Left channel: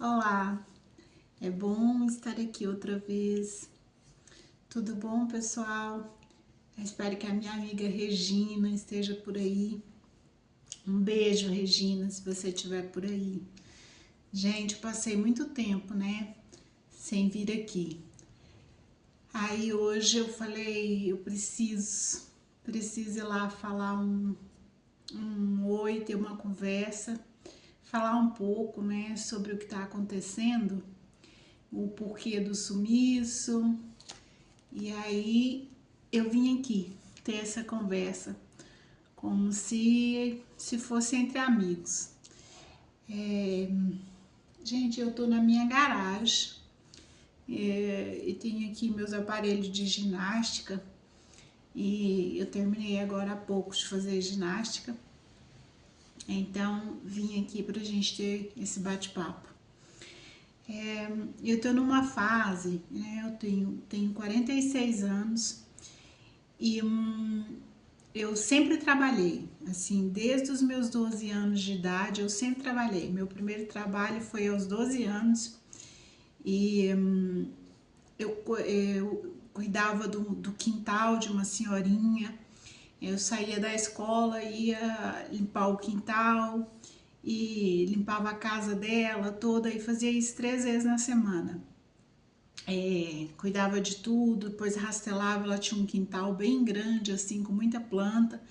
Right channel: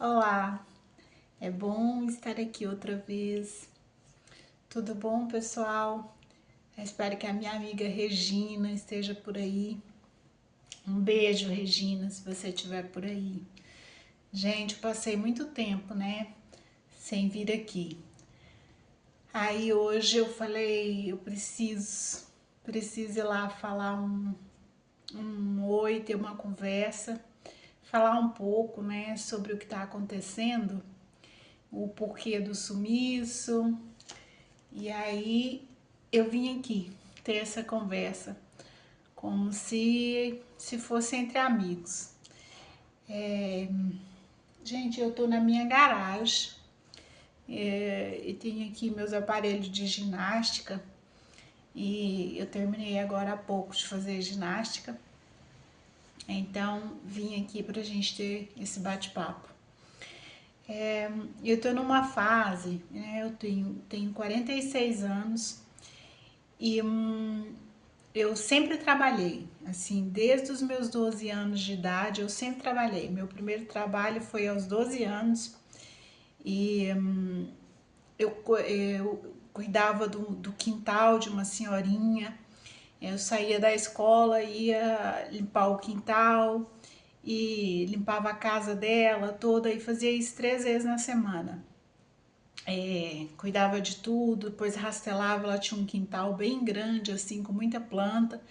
Olá, é bom estar aqui outra vez. Tudo bom, pessoal? Eu espero que a minha amiga Regina esteja por aí. Um beijo, Regina, se você estiver por aí. Gente, passei muito tempo, né, sem vir aqui. Aí hoje eu falei, eu preciso ir lá falar um oi, ter uma conversa, falar um pouco, né, sobre o que está acontecendo, o porquê do sumiço. E aí eu vim aqui ter essa conversa, como se fosse entre amigos. Gente, eu tô na minha garagem e tenho aqui meus aparelhos de ginástica e eu terminei agora há pouco de fazer ginástica, então vim aqui pra gente ter esse bate-papo. Eu tô numa fase, né, eu tenho 46 anos e eu sempre trabalhei, assim, desde os meus 12 anos de idade, eu sempre trabalhei. Meu primeiro trabalho foi aos 12 anos e eu cuidava do quintal de uma senhorinha. Eu saía da escola, ia limpar o quintal e limpava a casa dela toda e fazia isso 3 vezes na semana. Cuidava de tudo, depois rastelava, ela tinha um quintal bem grande, assim, com muita planta.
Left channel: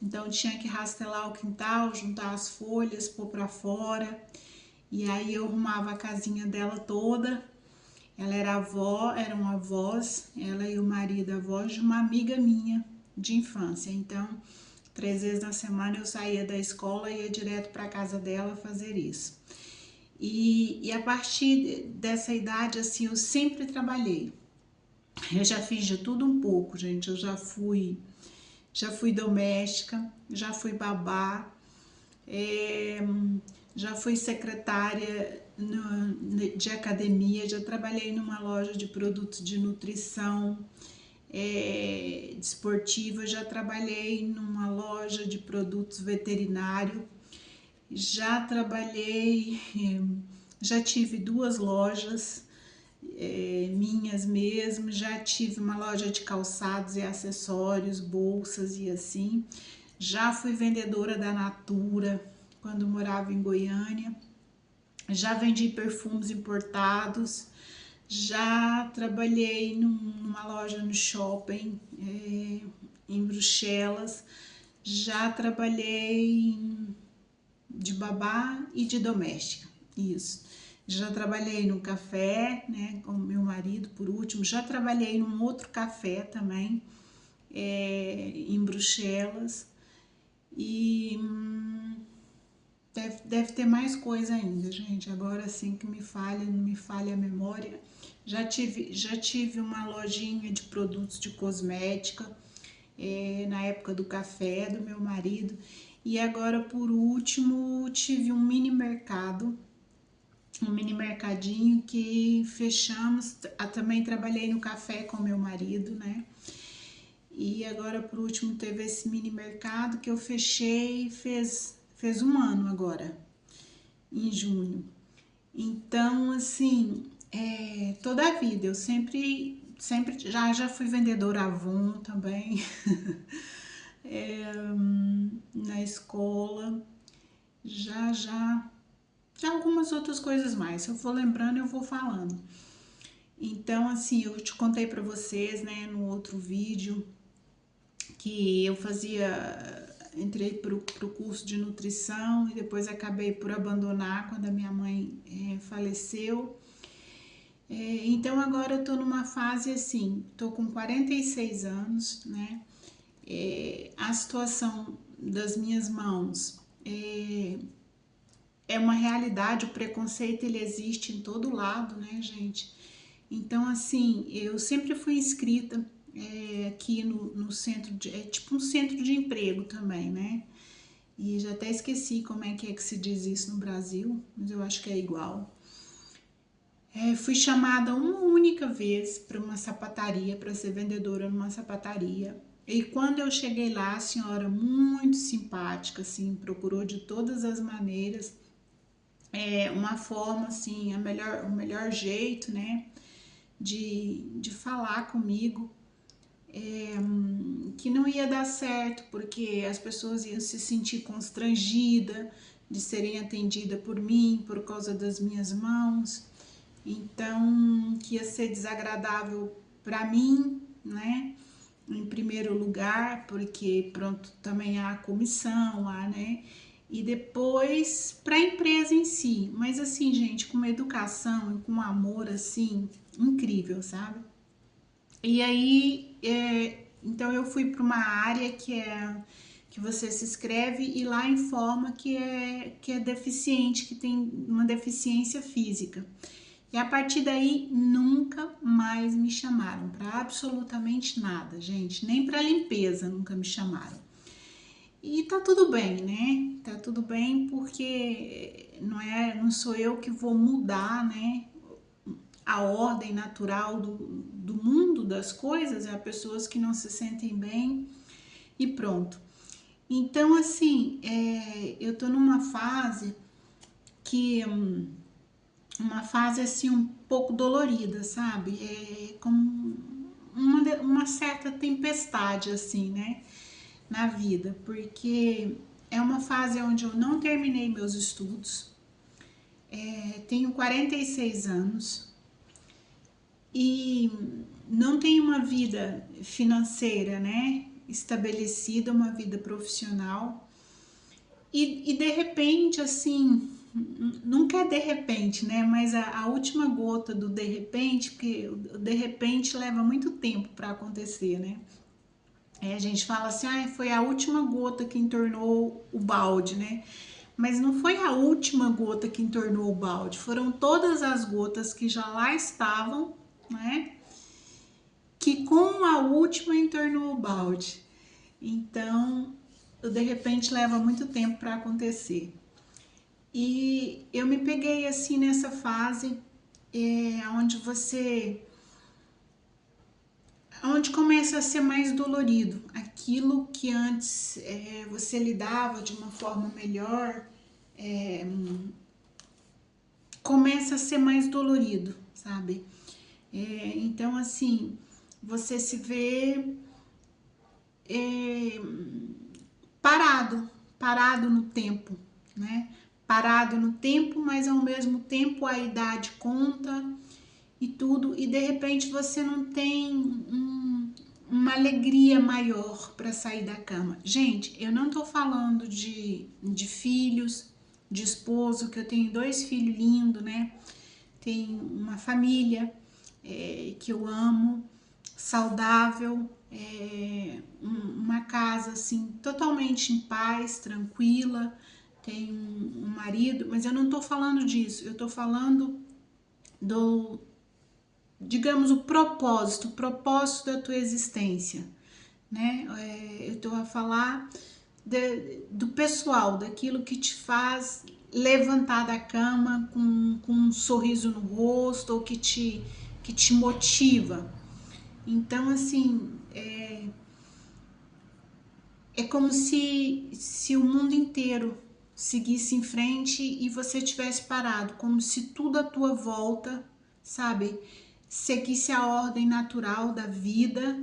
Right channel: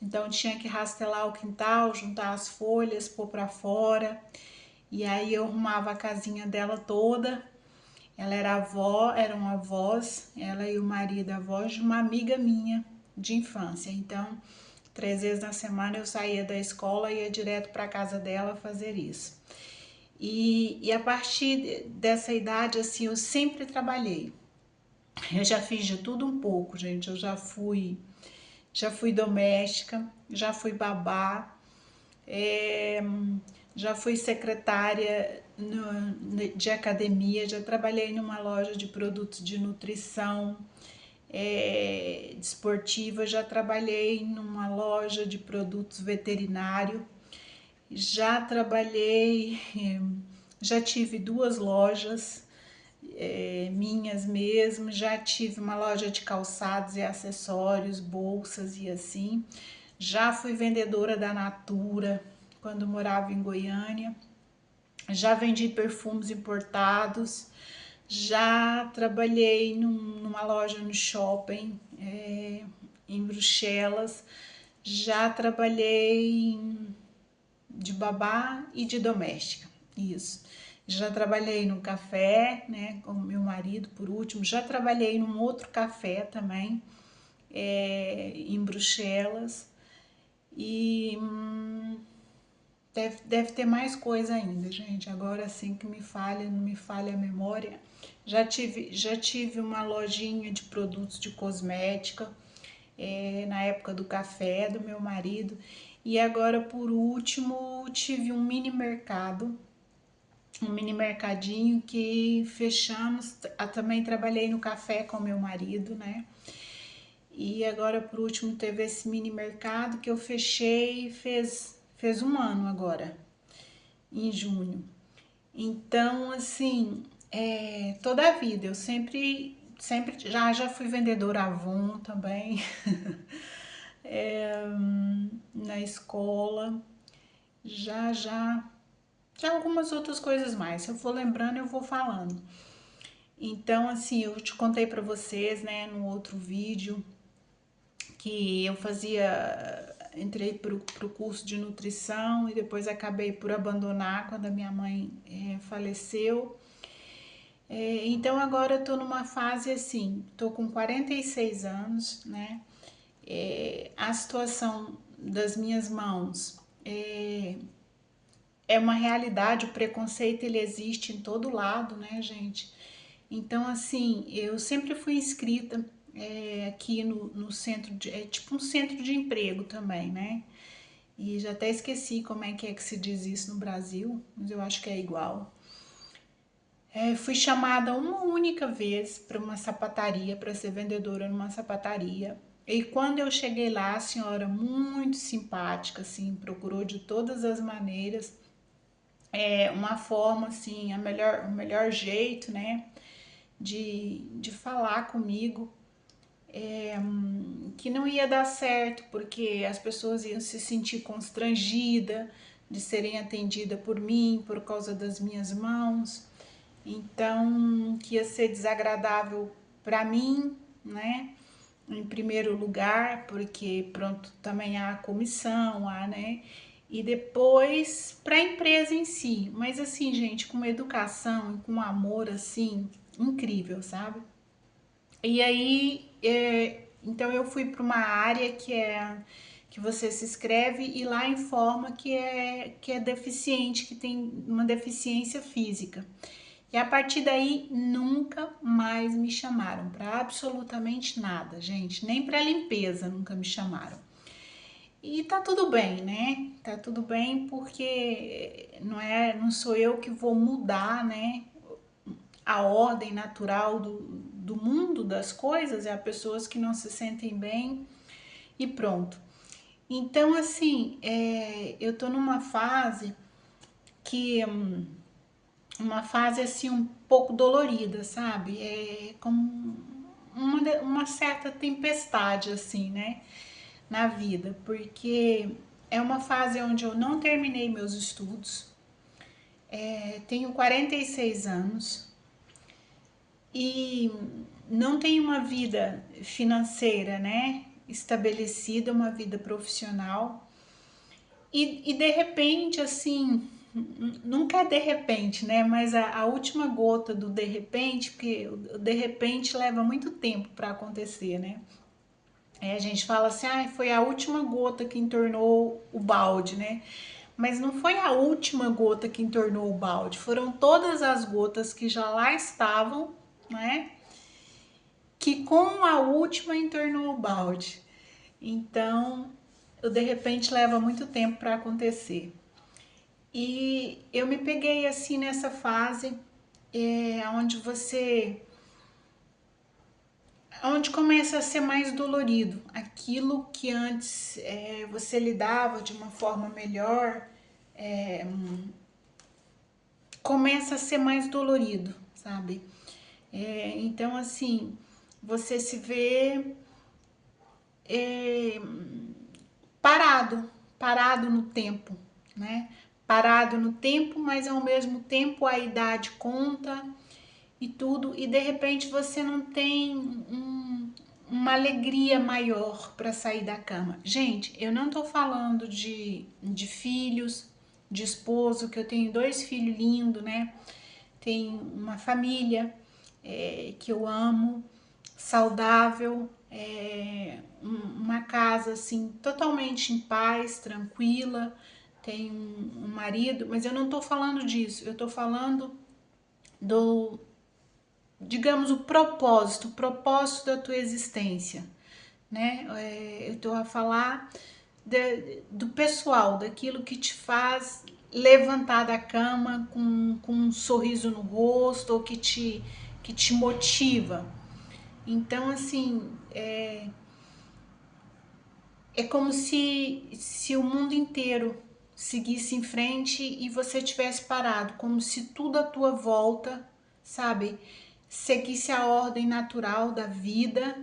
Então tinha que rastelar o quintal, juntar as folhas, pôr para fora. E aí eu arrumava a casinha dela toda. Ela era avó, eram avós, ela e o marido, avós de uma amiga minha de infância. Então, 3 vezes na semana eu saía da escola e ia direto para casa dela fazer isso. E a partir dessa idade, assim, eu sempre trabalhei. Eu já fiz de tudo um pouco, gente. Eu já fui doméstica, já fui babá, é, já fui secretária de academia, já trabalhei numa loja de produtos de nutrição desportiva, já trabalhei numa loja de produtos veterinários, já trabalhei, já tive 2 lojas minhas mesmo, já tive uma loja de calçados e acessórios, bolsas e assim. Já fui vendedora da Natura quando morava em Goiânia. Já vendi perfumes importados. Já trabalhei numa loja no shopping em Bruxelas. Já trabalhei de babá e de doméstica. Isso. Já trabalhei no café, né, com meu marido por último. Já trabalhei num outro café também, em Bruxelas. E deve ter mais coisa ainda, gente. Agora sim que não me falha a memória. Já tive uma lojinha de produtos de cosmética, na época do café do meu marido. E agora, por último, tive um mini mercadinho que fechamos. Também trabalhei no café com meu marido, né? E agora, por último, teve esse mini mercado que eu fechei e fez um ano agora, em junho. Então, assim, toda a vida, eu sempre já fui vendedora Avon também, na escola, já algumas outras coisas mais. Se eu for lembrando, eu vou falando. Então, assim, eu te contei pra vocês, né, no outro vídeo, que eu entrei pro curso de nutrição e depois acabei por abandonar quando a minha mãe faleceu. Então agora eu tô numa fase assim, tô com 46 anos, né? A situação das minhas mãos é uma realidade, o preconceito ele existe em todo lado, né, gente? Então, assim, eu sempre fui inscrita aqui no centro de. É tipo um centro de emprego também, né? E já até esqueci como é que se diz isso no Brasil, mas eu acho que é igual. Fui chamada uma única vez para uma sapataria, para ser vendedora numa sapataria. E quando eu cheguei lá, a senhora muito simpática, assim, procurou de todas as maneiras uma forma, assim, o melhor jeito, né, de falar comigo, que não ia dar certo, porque as pessoas iam se sentir constrangidas de serem atendidas por mim, por causa das minhas mãos, então, que ia ser desagradável para mim, né, em primeiro lugar, porque pronto, também há a comissão, né? E depois para a empresa em si. Mas assim, gente, com educação e com amor assim, incrível, sabe? E aí, então eu fui para uma área que você se inscreve e lá informa que é deficiente, que tem uma deficiência física. E a partir daí nunca mais me chamaram para absolutamente nada, gente, nem para limpeza nunca me chamaram. E tá tudo bem, né? Tá tudo bem porque não sou eu que vou mudar, né, a ordem natural do mundo das coisas, é as pessoas que não se sentem bem e pronto. Então, assim, eu tô numa fase que uma fase assim um pouco dolorida, sabe? É como uma certa tempestade assim, né, na vida, porque é uma fase onde eu não terminei meus estudos, tenho 46 anos e não tenho uma vida financeira, né, estabelecida, uma vida profissional e de repente assim, nunca é de repente, né? Mas a última gota do de repente, porque o de repente leva muito tempo para acontecer, né? A gente fala assim, ah, foi a última gota que entornou o balde, né? Mas não foi a última gota que entornou o balde, foram todas as gotas que já lá estavam, né? Que com a última entornou o balde. Então, o de repente leva muito tempo para acontecer. E eu me peguei assim nessa fase onde onde começa a ser mais dolorido. Aquilo que antes você lidava de uma forma melhor, começa a ser mais dolorido, sabe? Então, assim, você se vê parado no tempo, né? Parado no tempo, mas ao mesmo tempo a idade conta e tudo, e de repente você não tem uma alegria maior para sair da cama. Gente, eu não tô falando de filhos, de esposo, que eu tenho 2 filhos lindos, né? Tenho uma família que eu amo, saudável, uma casa assim totalmente em paz, tranquila, tenho um marido, mas eu não tô falando disso, eu tô falando do, digamos, o propósito da tua existência, né? Eu tô a falar do pessoal, daquilo que te faz levantar da cama com um sorriso no rosto ou que te motiva. Então, assim, é como se o mundo inteiro seguisse em frente e você tivesse parado, como se tudo à tua volta, sabe, seguisse a ordem natural da vida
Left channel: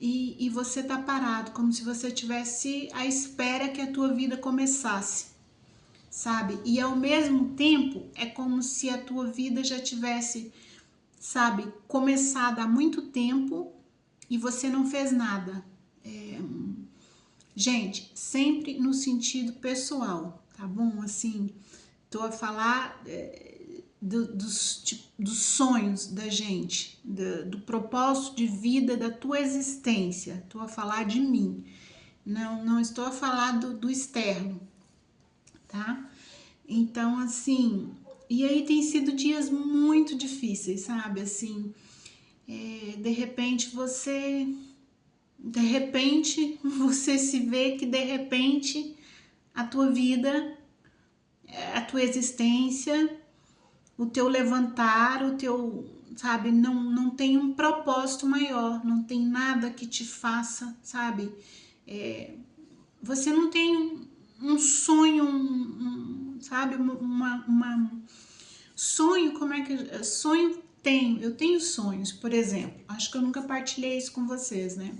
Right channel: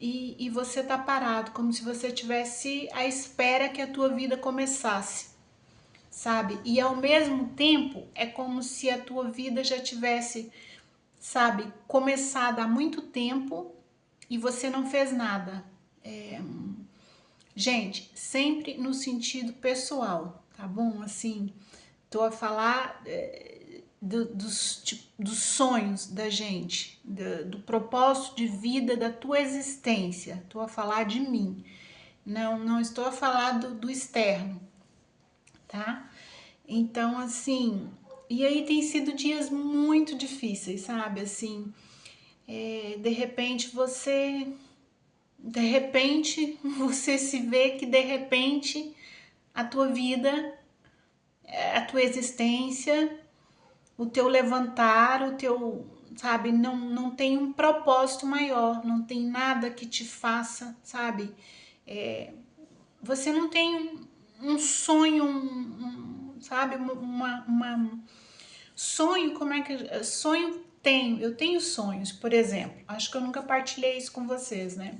e você tá parado, como se você tivesse à espera que a tua vida começasse, sabe? E ao mesmo tempo é como se a tua vida já tivesse, sabe, começado há muito tempo e você não fez nada. Gente, sempre no sentido pessoal, tá bom? Assim, tô a falar dos sonhos da gente, do propósito de vida da tua existência. Tô a falar de mim. Não estou a falar do externo, tá? Então, assim, e aí tem sido dias muito difíceis, sabe? Assim, de repente você se vê que de repente a tua vida, a tua existência, o teu levantar, o teu, sabe, não tem um propósito maior, não tem nada que te faça, sabe, você não tem um sonho sabe, sonho, como é que... Sonho eu tenho sonhos, por exemplo, acho que eu nunca partilhei isso com vocês, né?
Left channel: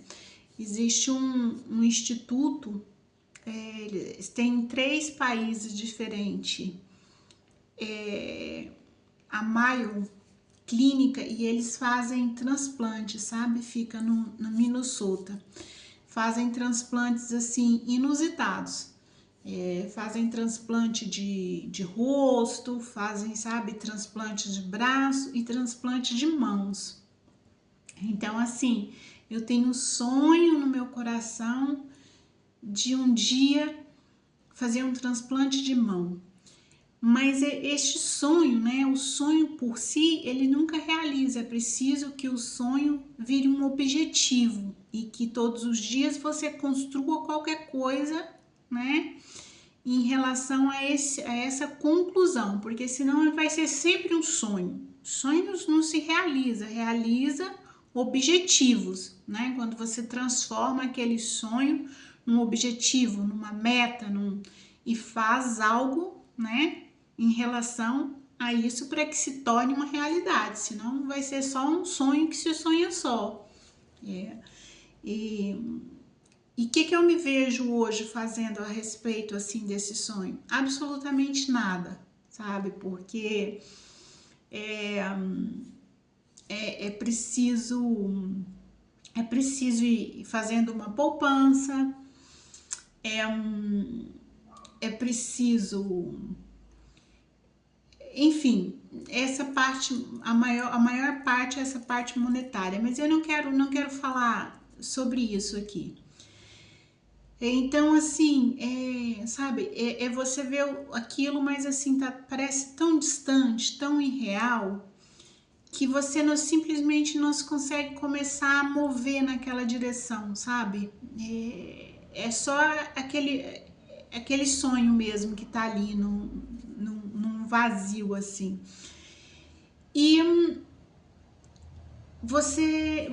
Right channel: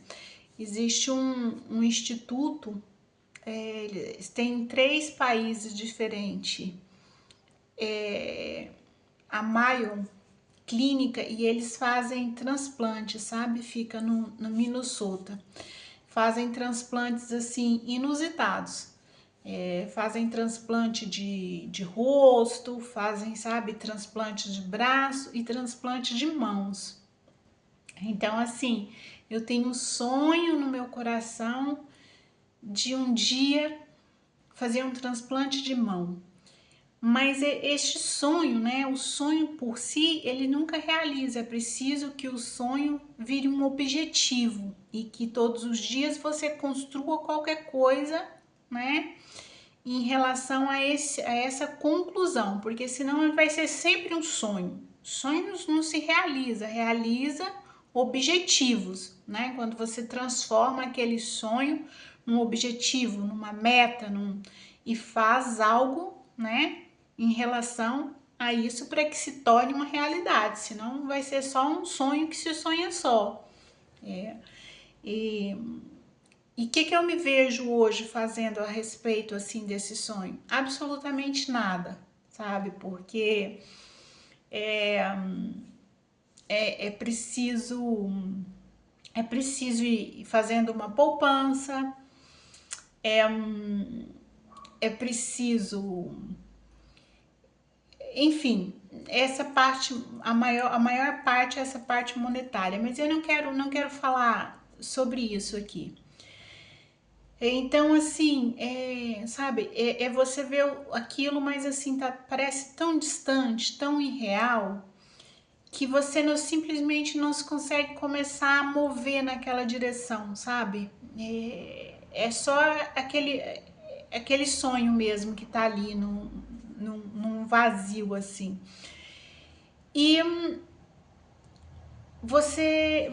Existe um instituto, eles têm 3 países diferentes, a Mayo Clínica, e eles fazem transplante, sabe? Fica no Minnesota. Fazem transplantes, assim, inusitados. Fazem transplante de rosto, fazem, sabe, transplante de braço e transplante de mãos. Então, assim, eu tenho um sonho no meu coração de um dia fazer um transplante de mão. Mas este sonho, né, o sonho por si, ele nunca realiza. É preciso que o sonho vire um objetivo e que todos os dias você construa qualquer coisa, né, em relação a essa conclusão, porque senão vai ser sempre um sonho. Sonhos não se realiza objetivos, né? Quando você transforma aquele sonho num objetivo, numa meta, e faz algo, né, em relação a isso para que se torne uma realidade, senão vai ser só um sonho que se sonha só. E o que eu me vejo hoje fazendo a respeito, assim, desse sonho? Absolutamente nada, sabe? Porque é preciso ir fazendo uma poupança, é preciso, enfim, essa parte, a maior parte é essa parte monetária, mas eu não quero falar sobre isso aqui. Então, assim, sabe, você vê aquilo, mas assim, parece tão distante, tão irreal, que você simplesmente não se consegue começar a mover naquela direção, sabe? É só aquele sonho mesmo que tá ali num vazio, assim. E você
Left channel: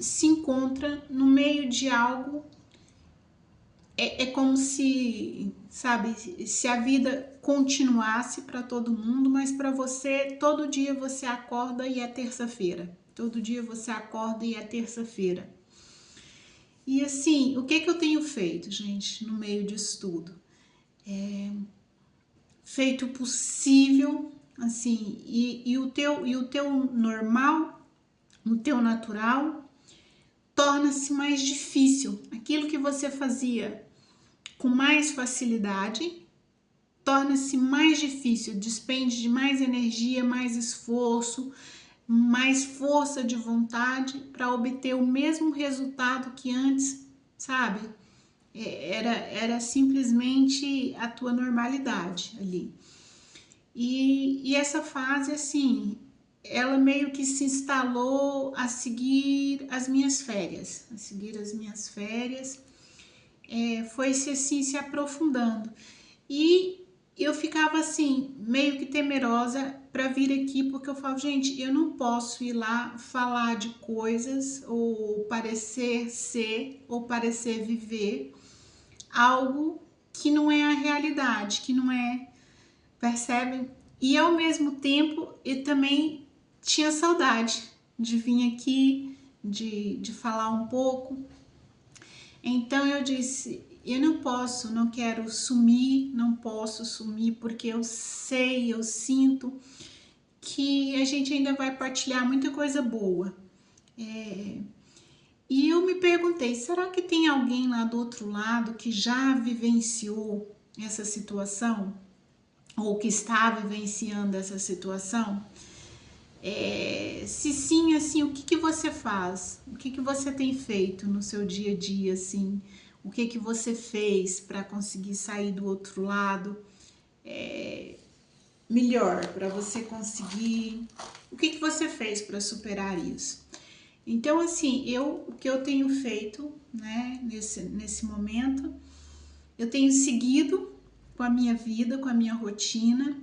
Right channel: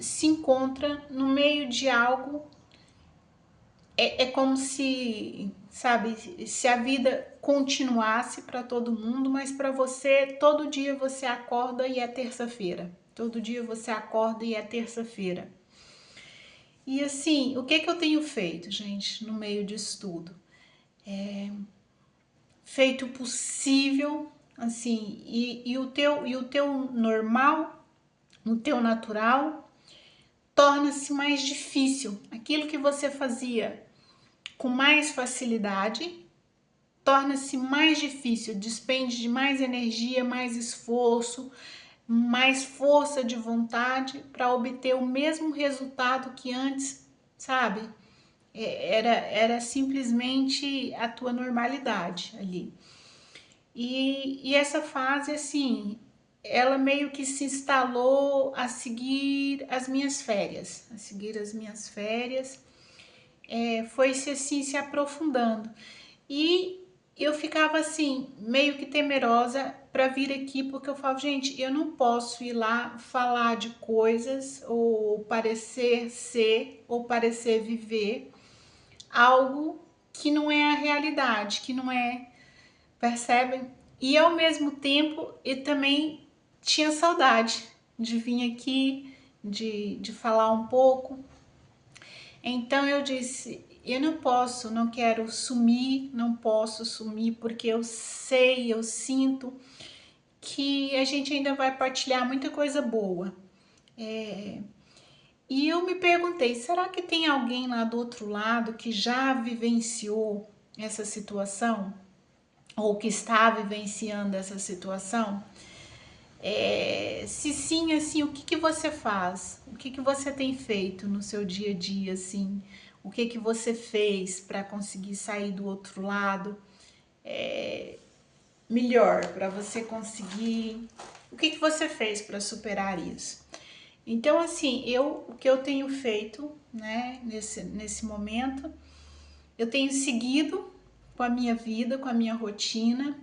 se encontra no meio de algo, é como se, sabe, se a vida continuasse para todo mundo, mas para você, todo dia você acorda e é terça-feira. Todo dia você acorda e é terça-feira. E assim, o que eu tenho feito, gente, no meio disso tudo? Feito o possível, assim, e o teu normal, o teu natural, torna-se mais difícil. Aquilo que você fazia com mais facilidade, torna-se mais difícil, despende de mais energia, mais esforço, mais força de vontade para obter o mesmo resultado que antes, sabe? Era simplesmente a tua normalidade ali. E essa fase, assim, ela meio que se instalou a seguir as minhas férias, foi-se assim se aprofundando. E eu ficava assim, meio que temerosa para vir aqui, porque eu falo, gente, eu não posso ir lá falar de coisas ou parecer ser ou parecer viver algo que não é a realidade, que não é, percebem? E ao mesmo tempo eu também tinha saudade de vir aqui, de falar um pouco. Então eu disse, eu não quero sumir, não posso sumir, porque eu sei, eu sinto que a gente ainda vai partilhar muita coisa boa. E eu me perguntei, será que tem alguém lá do outro lado que já vivenciou essa situação? Ou que está vivenciando essa situação? Se sim, assim, o que você faz? O que você tem feito no seu dia a dia, assim? O que você fez para conseguir sair do outro lado melhor, para você conseguir... O que você fez para superar isso? Então, assim, o que eu tenho feito, né, nesse momento, eu tenho seguido com a minha vida, com a minha rotina,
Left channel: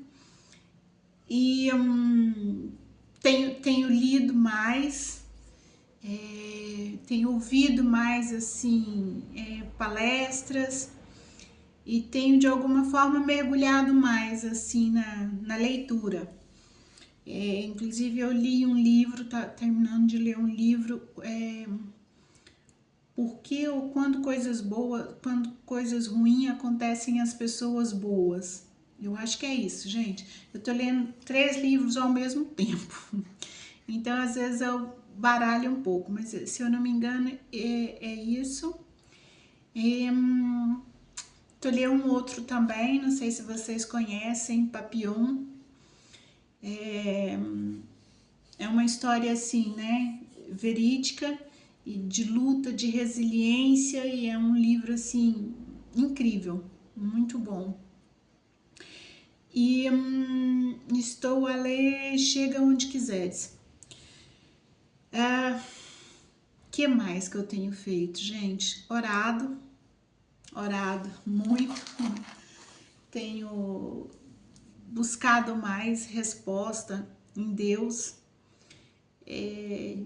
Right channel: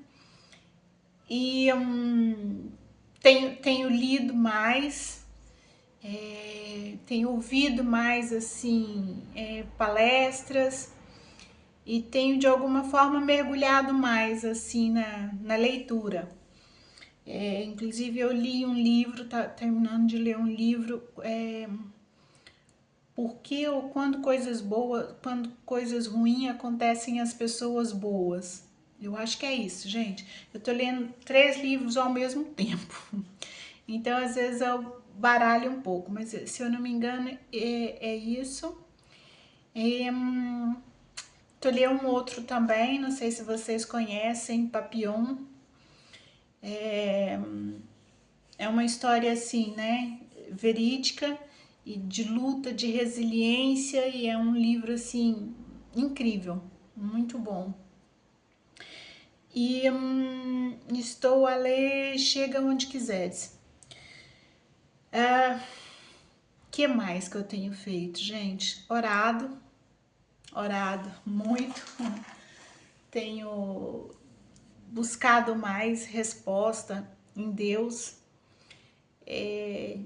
e tenho lido mais, tenho ouvido mais, assim, palestras, e tenho de alguma forma mergulhado mais assim na leitura. Inclusive eu li um livro, tá terminando de ler um livro, por que ou quando coisas ruins acontecem às pessoas boas. Eu acho que é isso, gente. Eu tô lendo 3 livros ao mesmo tempo. Então, às vezes eu baralho um pouco, mas se eu não me engano, é isso. Tô lendo um outro também, não sei se vocês conhecem, Papillon. É uma história assim, né, verídica e de luta, de resiliência, e é um livro assim incrível, muito bom. E estou a ler Chega Onde Quiseres. Que mais que eu tenho feito, gente? Orado muito. Tenho buscado mais resposta em Deus,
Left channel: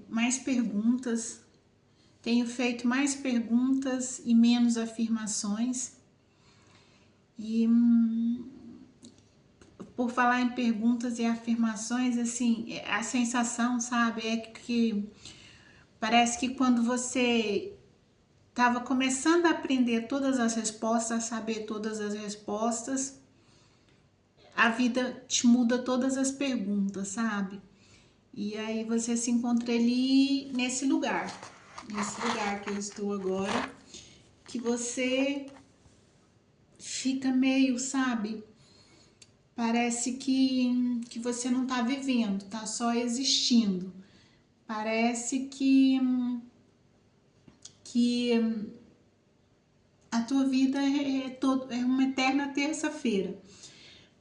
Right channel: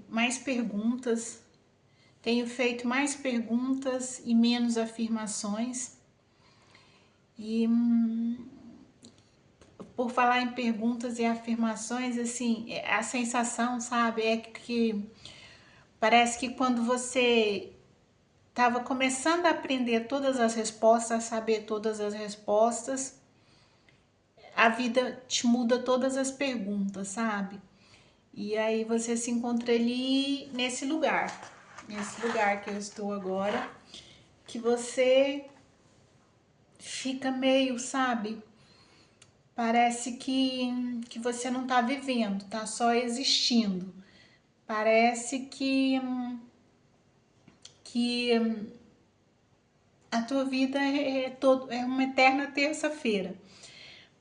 mais perguntas. Tenho feito mais perguntas e menos afirmações. E por falar em perguntas e afirmações, assim, a sensação, sabe, é que parece que quando você estava começando a aprender todas as respostas, a saber todas as respostas, a vida te muda todas as perguntas, sabe? E aí você se encontra ali nesse lugar que eu estou agora, que você fica meio, sabe? Parece que você não tá vivendo, tá só existindo. Parece que a tua vida é uma eterna terça-feira.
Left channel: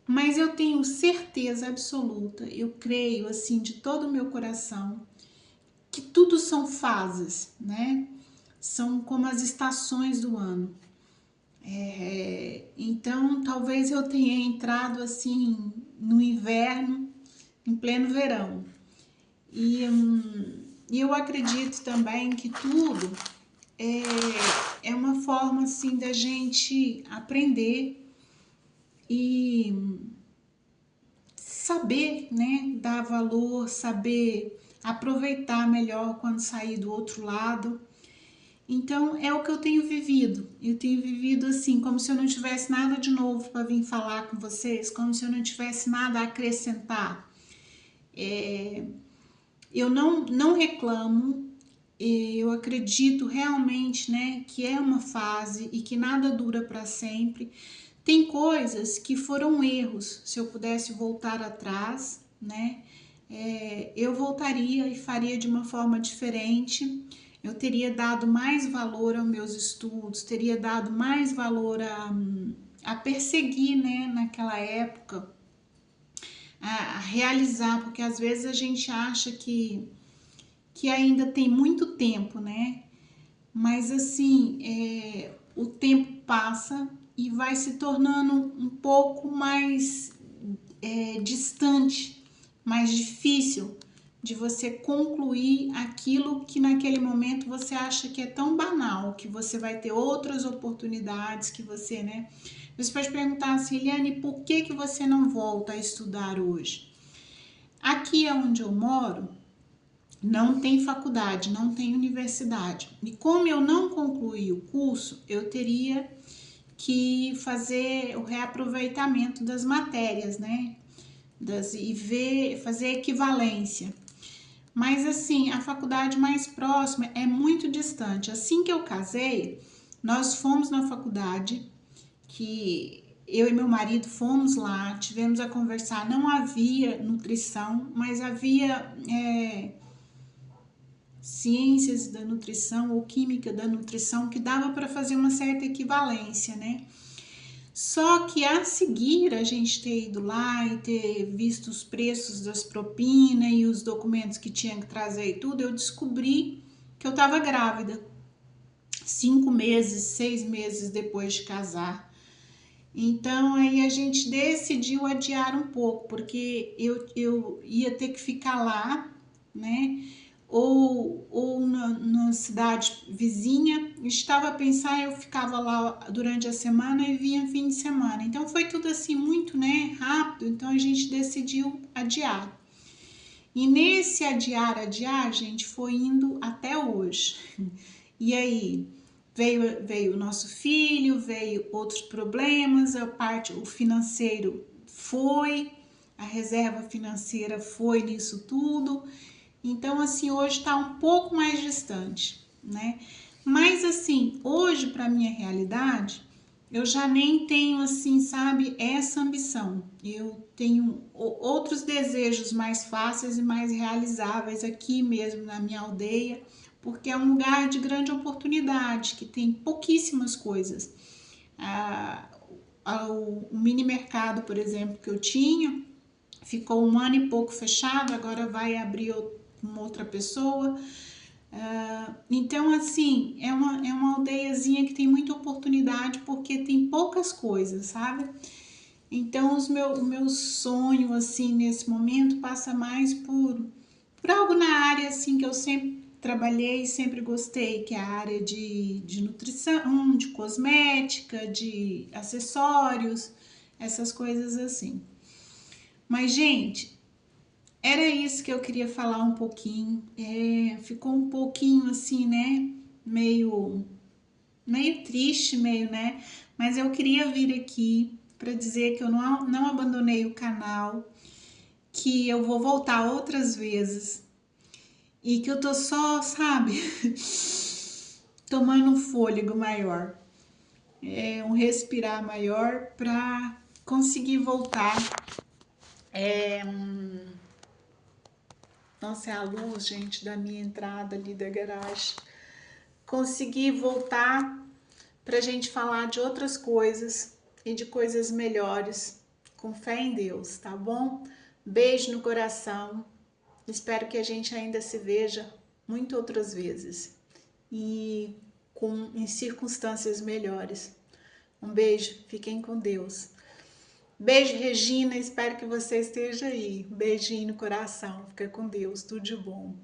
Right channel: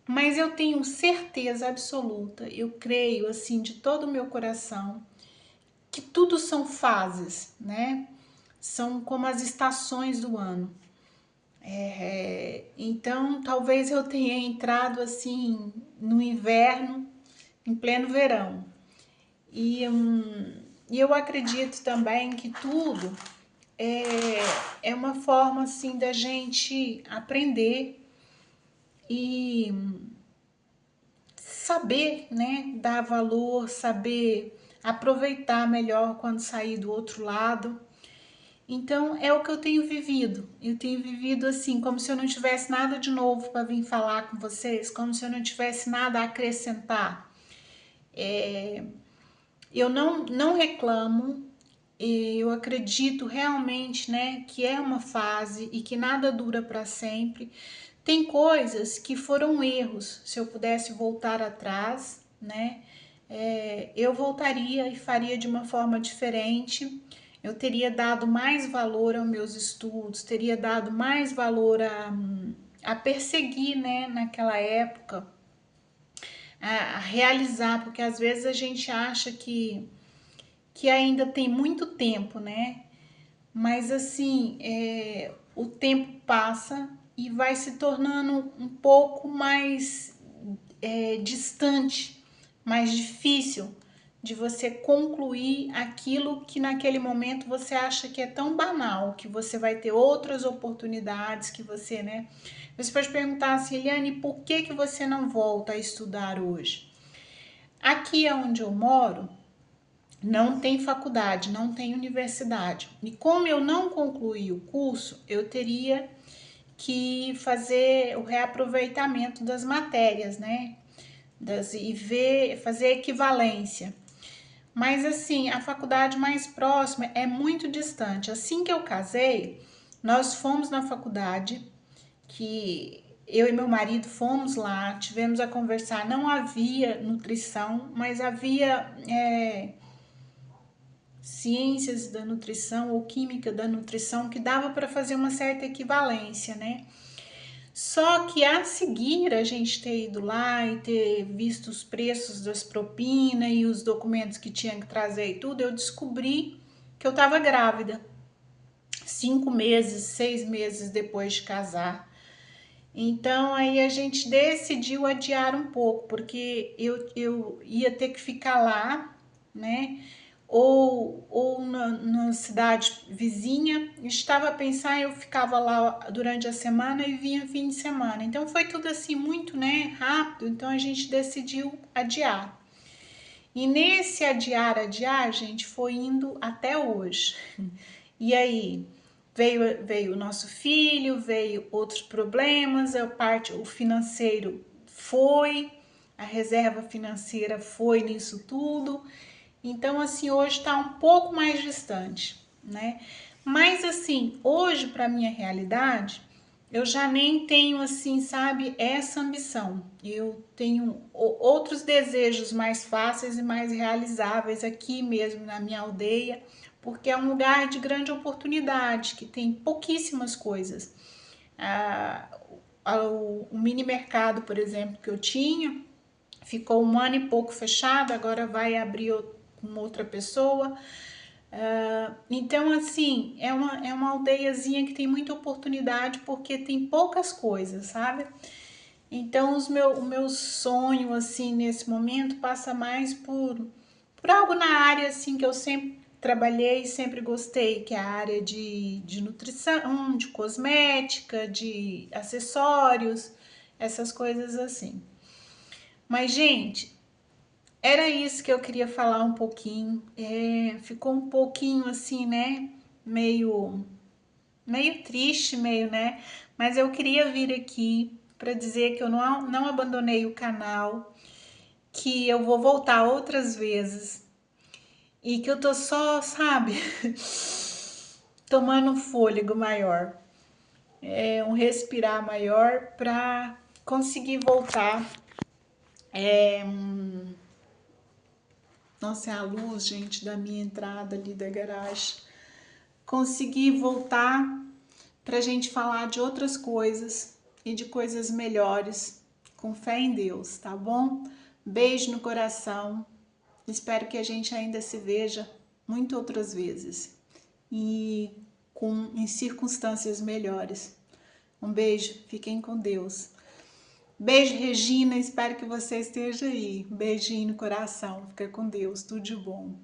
Mas eu tenho certeza absoluta, eu creio assim de todo o meu coração, que tudo são fases, né? São como as estações do ano. Então, talvez eu tenha entrado assim no inverno, em pleno verão. E eu acredito também que tudo é uma forma assim da gente aprender e saber, né, dar valor, saber aproveitar melhor quando sair do outro lado. Então é o que eu tenho vivido. Eu tenho vivido assim, como se eu não tivesse nada de novo para vir falar com vocês, como se eu não tivesse nada a acrescentar. Eu não reclamo, eu acredito realmente, né, que é uma fase e que nada dura para sempre. Tem coisas que foram erros. Se eu pudesse voltar atrás, né, eu voltaria e faria de uma forma diferente. Eu teria dado mais valor aos meus estudos, teria dado mais valor a perseguir, né, naquela época, a realizar, porque às vezes a gente acha que ainda tem muito tempo, né? Mas assim, o tempo passa e vai se tornando um pouco mais distante, mais difícil de você concluir aquilo que naquele momento você acha que é tão banal, que você vai ter outras oportunidades, que você, né? Você pode perguntar assim, Eliane, por que você não volta a estudar hoje? Aqui onde eu moro, não tem faculdade, não tem universidade. E como eu não concluí o curso, eu teria que fazer o reaproveitamento das matérias, né? Fazer equivalência. Mas assim, a faculdade mais próxima é muito distante. Assim que eu casei, nós fomos na faculdade, que eu e meu marido fomos lá, tivemos a conversar. Não havia nutrição, mas havia ciências da nutrição ou química da nutrição que dava para fazer uma certa equivalência, né? Só que a seguir a gente ter ido lá e ter visto os preços das propinas e os documentos que tinha que trazer e tudo, eu descobri que eu estava grávida. 5 meses, 6 meses depois de casar. Então aí a gente decidiu adiar um pouco, porque eu ia ter que ficar lá, né? ou na cidade vizinha. Estava a pensar, eu ficava lá durante a semana e vinha fim de semana. Então foi tudo assim muito, né, rápido, então a gente decidiu adiar. E nesse adiar, gente, foi indo até hoje. E aí veio o nosso filho, veio outros problemas, o financeiro foi, a reserva financeira foi nisso tudo. Então, assim, hoje está um pouco mais distante, né? Mas, assim, hoje, para minha realidade, eu já nem tenho, assim, sabe, essa ambição. Eu tenho outros desejos mais fáceis e mais realizáveis aqui mesmo na minha aldeia, porque é um lugar de grande oportunidade, que tem pouquíssimas coisas. O mini mercado, por exemplo, que eu tinha, ficou 1 ano e pouco fechado, agora vai abrir com outra pessoa. Então, assim, é uma aldeiazinha que tem muita oportunidade porque tem poucas coisas, sabe? Então, o meu sonho, assim, nesse momento passa mais por algo na área, assim, que eu sempre trabalhei, sempre gostei, que é a área de nutrição, de cosmética, de acessórios, essas coisas assim. Mas, gente, era isso que eu queria falar um pouquinho. Ficou um pouquinho assim, né? Meio triste, meio, né? Mas eu queria vir aqui para dizer que eu não abandonei o canal, que eu vou voltar outras vezes e que eu tô só, sabe, tomando um fôlego maior, um respirar maior para conseguir voltar. Nossa, é a luz, gente, da minha entrada ali da garagem. Conseguir voltar para a gente falar de outras coisas e de coisas melhores, com fé em Deus, tá bom? Beijo no coração. Espero que a gente ainda se veja muito outras vezes e em circunstâncias melhores. Um beijo, fiquem com Deus. Beijo, Regina, espero que você esteja aí. Beijinho no coração, fica com Deus, tudo de bom.